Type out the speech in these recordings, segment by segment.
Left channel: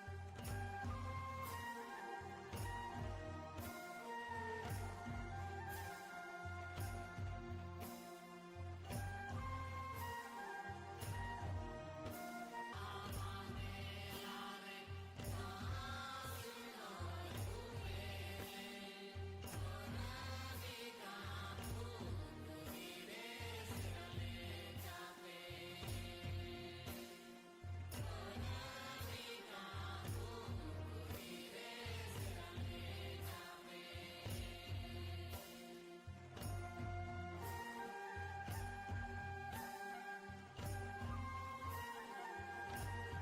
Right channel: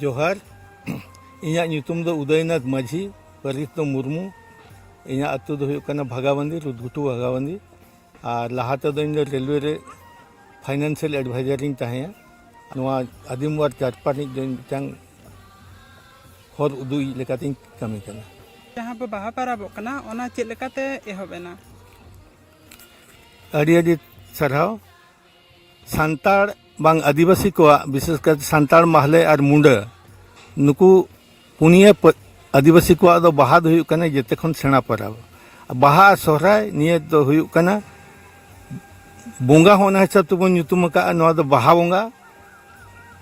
जोहार इन्या ᱧᱩᱛᱩᱢ ᱫᱚ उदयनाथ माझी परिस दो मुर्मू इन्या अतु दो हुयुग कना भागाबंदी रुदगुटू भागाबंदी और लहाते दो इन रेलवे रे फाइनेंशियल एडवाइजरिंग तहेया नोआ आदिमवार चारपानी दो मिटांग हर उदुई लेकातिंग कमी कना जहाँ पे बाहा पाराबोग कना ओना चेद लेकाते एहोबेना अड़ी अड़ी सरहाव सान्ताड़ बांग आदिवासी को विशेषकर सान्ताड़ महले और मुंडा नुकु पुनिया आदिवासी को दो बाहा दो हुयुग कना जेते खन सेना पराब बाहा सोहराय निये दो हुयुग कना बोंगा होना हिसाब तो बन ᱧᱩᱛᱩᱢ का नोआ दो बाहा बोंगा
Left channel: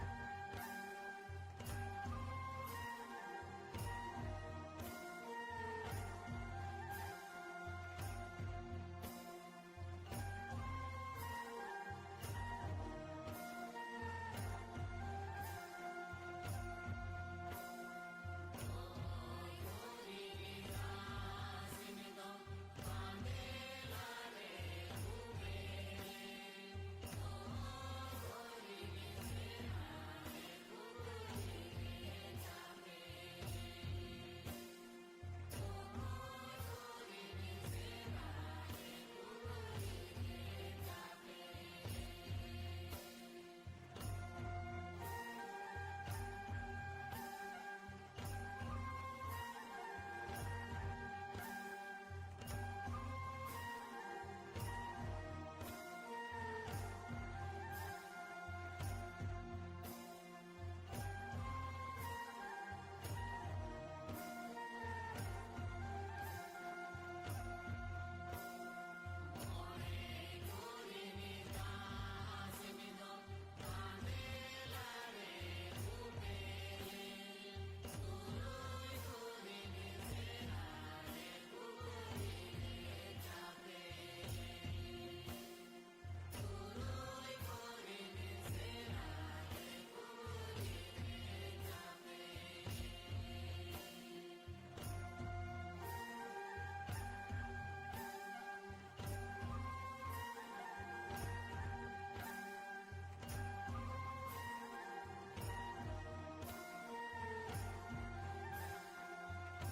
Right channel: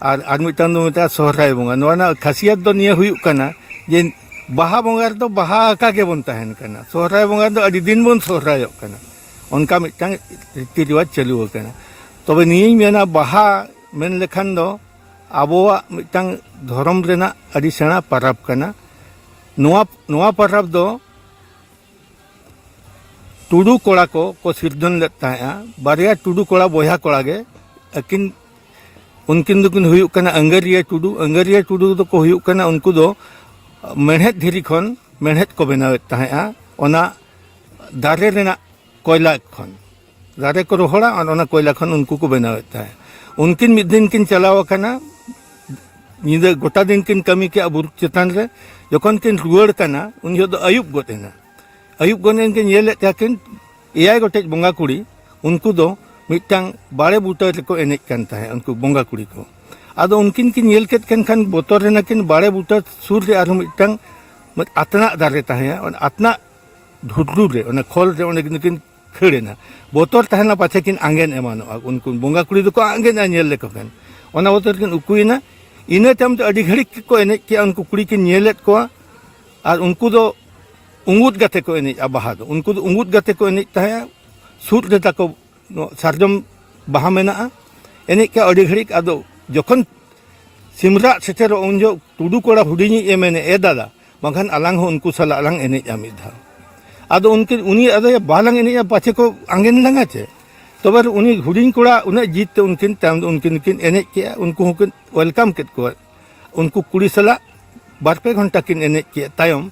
और मिटान दो मिटा सोहराय बोंगा नोआ ना खासियत दो निये हुयुग कना जे बाहा बोंगा दो बाहा का के बन तहन कना सोहराय बोंगा दो अड़ी दिन बन सोहरायक कना उनका मिटांग रीति रिवाज चालू कना तबे निये मेना बाहा मेन लेखान दो आबोआ मिटांग धर्म रेना अड़ी सेना परब कना नोआ परब दो टुडू कोड़ा को सिरजन लेता है बारिया टुडू कोड़ा बोया कोड़ा गे अकिन उनकिन दुकिन हुयुग कना अंगरिया टुडू दो को हुयुग कना उनको दो मेहनत धीरी खन मेहनत को बनावेता है ओना दारे रेना कोयला खन दारे को रोहड़ा और ओना कोयला खन उनको को बनावेता है उनकिन मिद दिन किन चलाव कना निदे गोटा दिन किन कमी के बुरु चेतान रे जखन किन रुआड़ कना उन दो अयुब गोतेना अयुब गोनेन के नेले ताकिन एयाय गोटे बोंगा कुड़ी उनको दो मिटांग बाड़े बूटा रे को एनेज कान ताहे उनको बोंगा कुड़ी को आदो उनकिन किन नेल केत खान बोतर रेना किन बाड़े बूटा सुर रे आरो मिटांग आतना दारे ताहे और आतना ढुडरू रे ओना खोल रे ओने किन खेड़ेना बोतर ताहेना पाछे किन आंगेन एमानो उनको बोंगा कुड़ी दो को आंगेन नेल ले को खान ओना बोतर किन उकुइना इने तम तो अड़ी घड़ी को एनेज के उनको कुड़ी किन नेलेत को और उनको दो उंगुत गाते को एनेज बाहा दो उनको दो उंगुत गाते को एनेज ताहे सुर रे ताको सारजम बाहा मेना एनेज के अड़ी घड़ी आदो जखन सिमरा सेचेर उन जो टुडू कोड़ा हुडिनी ए मेने ए दादा बखान अलांग हो उनको सला अलांग एनेज आमी धा आदो उनके उनी आदो बालांग एनेज पाछे को आंगेन लंगा छे तबे उनी हुडिन कोड़ा उन जीत ते उनकिन ताम उनकिन किन एनेज के उनको किन वेलकम केत को उनको कुड़ी सला बार पे घंटा किन एनेज के तायम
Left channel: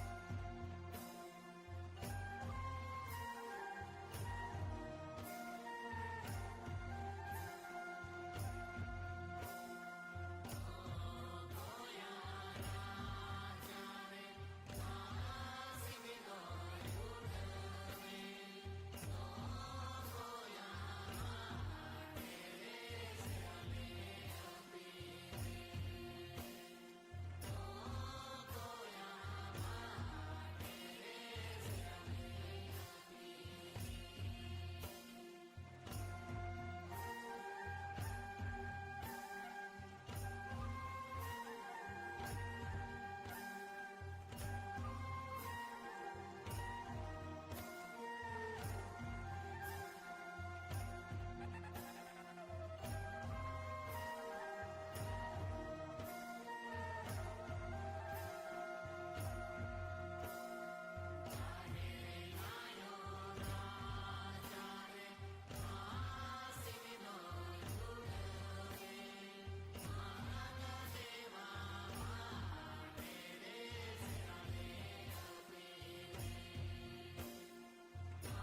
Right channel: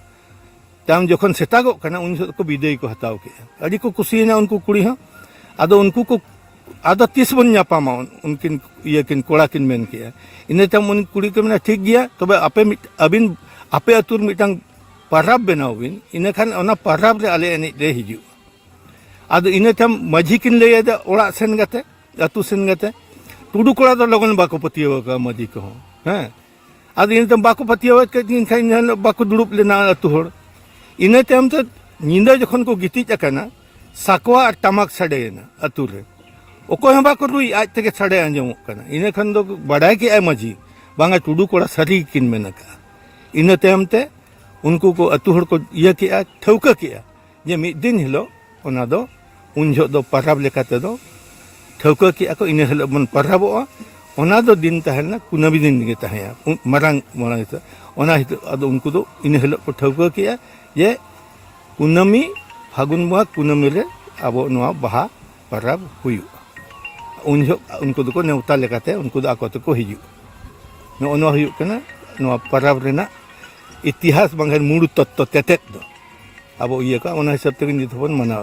ताम जखन सेतागो कना उन को विदाई को हताव के अड़ी को कुसीना उनको कुड़ी हो आदो उनको को आदो 30 बन नापामा उनकिन ये किन कोड़ा किन मेन के इने तम उन कुड़ी के मना ठीक गया तबे आपे अबिन आपे अतुर मिटांग परब बनावबिन इने खान ओना परब रे आले एने रे हिजु आदो इने तम माझी किन ले दे ओड़ा सेन गते अतु सेन गते टुडू कोड़ा दो लगन बाको पतियो का माझी को हैं आदो इने तम बाको पतियो के दिन खाइन बाको दुड़ुप लेना अतु होड़ इने तम तो निंदा जखन को गितिज अकना साकवा और टमाक सडेना अतु रे ओको हम बाको रुई आज तक सडे आंजमोग कना इने खन दो बड़ाई के माझी बांगा टुडू कोड़ा सरी किन मेनका इने तम ते उनको को अतु होड़ को ये किया ठौका किया जे मिद दिन हिलो ओना दो उन जो दो परब लेकाते दो ठौका किया को इने हिलो मन परबो ओना दो दिन तहना कुनाबी दिन के तहया मरांग मरांग ओना हितो आदो उनको दो इने हिलो को ठौका किया ये कुनामी फागुन बुआ कुनामी रे आबो नोआ बाहा परब हुयु उन जो उनको दो को नेवता लेकाते उनको दो आको को हिजु नो हुयु कना नोआ परब रेना इतिहास बांगन मूड तत्व तेतेत दो अब ये का हिसाब तक नित बन मना